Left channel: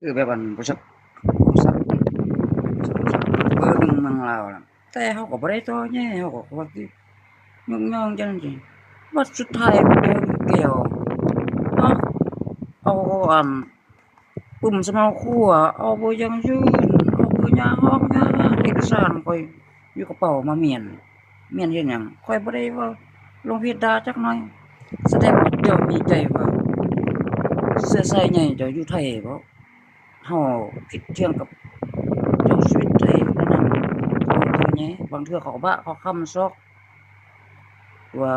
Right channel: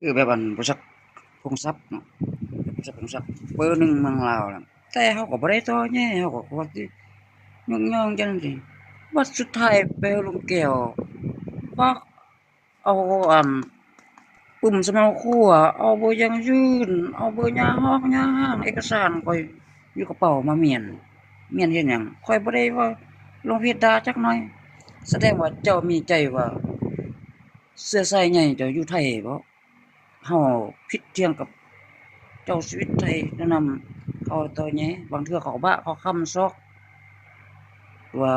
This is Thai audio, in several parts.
คือแบบอันบริษัทกรุงทรัพย์บริษัทกรุงทรัพย์เบอร์หนึ่งเมืองลาวน่ะแต่เขาก็บ่ได้ต่อแย้เขาก็ว่าสิย่องๆจังซี่บัดสุดท้ายไปเอาลูกแก้วก็เอาอันปุ่มสำเนาครัวเอาเบอร์ยังยืนเอาเบอร์ยาฮอกยาห้ามเอกสารข้อยอยู่กระเป๋ามาเมียนเฮ็ดหยังข้อยบ่ได้ว่าลงเพจด่าจักหน่อยแสดงว่าเจ้ามีใจว่าเชื้อสายใหญ่เจ้าอยู่ไทยบ่เฮาผิดเถียงกับเจ้าชีวิตไทยแล้วนำเขาเท่าแหน่บางเทื่อเขาก็บ้าเขาค้ำซอกว่า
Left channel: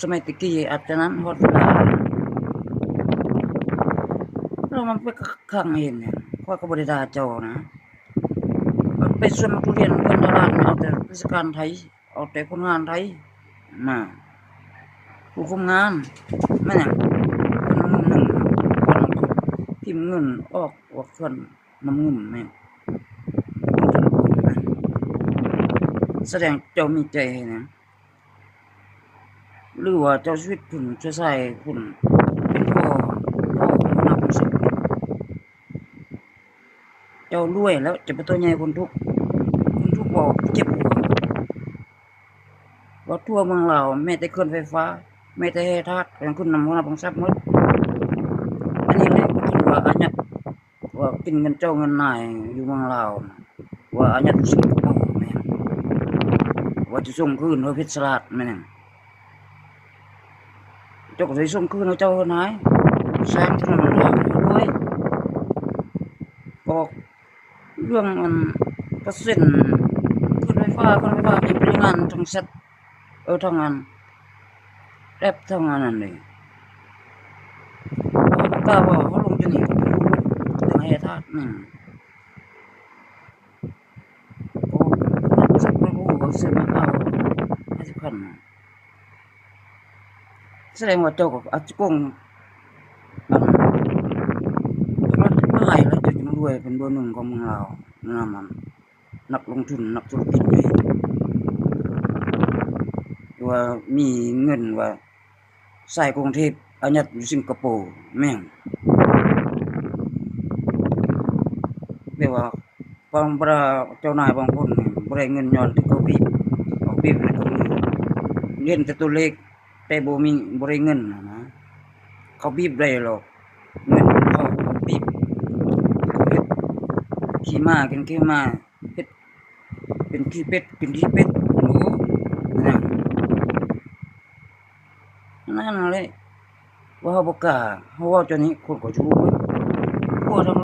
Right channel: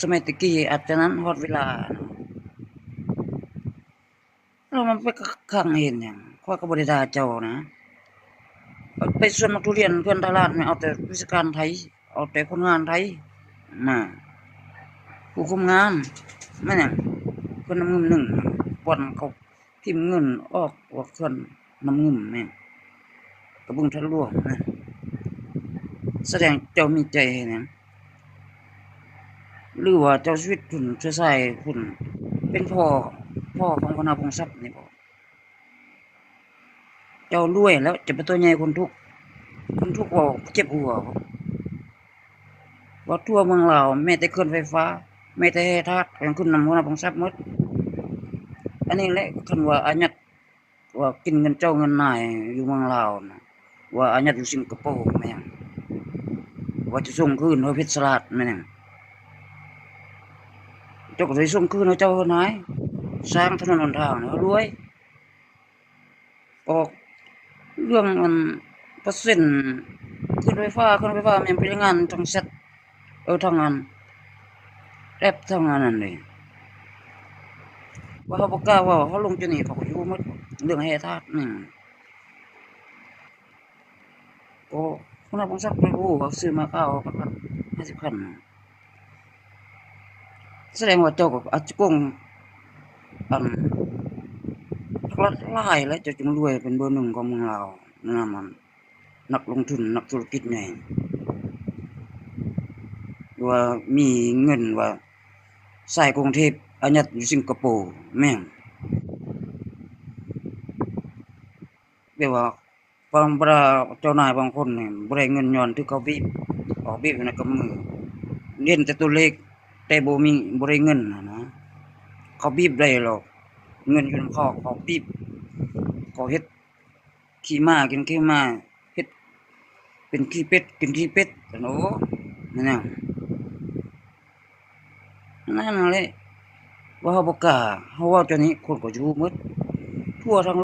สมัยตะกี้อาจจะนั้นฮอดเวลาแล้วมันไปคั่งเห็นหยังข้อยก็บ่ได้ด่าเจ้านะไปสวนมักทุเรียนเพื่อนตลาดเอาแต่วิศการไทยเอาแต่คนงานไทยมาผู้คุมงานแม่นหยังเพิ่นนำเงินก่อนเขาพิมพ์เงินออกว่าเพิ่นนำเงินแม่นกรุงทางหลวงนะแสดงเจ้ามีใจเฮ็ดหยังหรือว่าเจ้าชีวิตพุ่นเชื้อสายพุ่นเป็นพ่อของหัวหน้าพงศักดิ์เจ้ารวยแล้วจะเป็นตัวใหญ่คนทุกข์เว้าเจ็บหัวว่าทั่วเมืองลาวแม้แต่เขื่อนไฟฟ้าแม้แต่แร่ธาตุก็ยังขึ้นนำหัวหน้าพงศักดิ์หมดอันนี้แหละถึงว่าอายัดว่ากินเงินเจ้าเงินนายอยู่เมืองลาวน่ะว่าอายัดอยู่สิงคโปร์แม่นว่าจะส่งคืนให้เพชรสลัดแม่นเจ้าก็สิส่งคืนให้เจ้าเฮ็ดหายสร้างถนนหนทางให้รวยออกเรื่องอันเปอร์เซ็นต์ขึ้นไฟฟ้ามันเป็นงานทางแชตทางอันแอปทางอันนั้นนี่เขาบ่กล้าเว้าเขาลงอยู่นี่เขารู้หมดเรื่องแร่ธาตุโอ้หัวหน้าพงศักดิ์บ่รู้ว่าซื้อมาเขา50คันแสดงว่าเจ้าก็อาจจะโกงอัน หลายแล้วเจ้าจึงรวยเป็นเบอร์หนึ่งของเมืองลาวนั่นน่ะมันนักลงทุนนักธุรกิจใหญ่ว่ามีเงินว่าสายกรุงเทพอายัดอยู่สิงคโปร์แม่นแบบว่าบางบราเจ้านายบางคนนี่บ่ได้เงินย้อนที่เขาบีบเอาบีบในกับมือเห็นแต่ตัวเลขแต่บ่ได้เงินน่ะนะเขาบีบได้หรอกเงินมันเขาบีบเขาเฮ็ดขี้ม้ากินขี้ม้าเฮ็ดเป็นขี้เป็ดกินขี้เป็ดโอ้นั่นนั่นแหละว่าเฮาบ่กล้าเฮาเว้าเจ้านี้คนก็อยู่หมดทั่วทั้ง